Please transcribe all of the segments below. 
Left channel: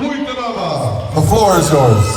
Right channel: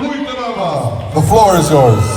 Hui Tarava, the floor is yours.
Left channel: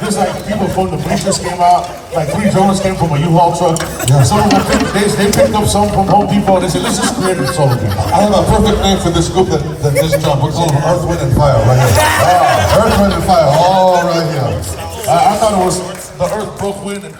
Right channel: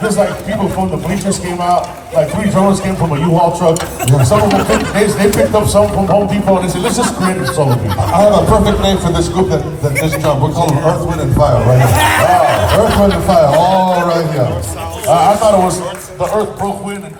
Just like people from the bleachers came out, like 3 Jones came from a U-Haul truck. Some of them they picked up some from Home Depot and they said, let's just create a song. I have a perfect name for this group that just jumped. It's called Earth, Wind, and Fire right here. Earth, Wind, and Fire, all right here. I thought it was the Earth broke wind and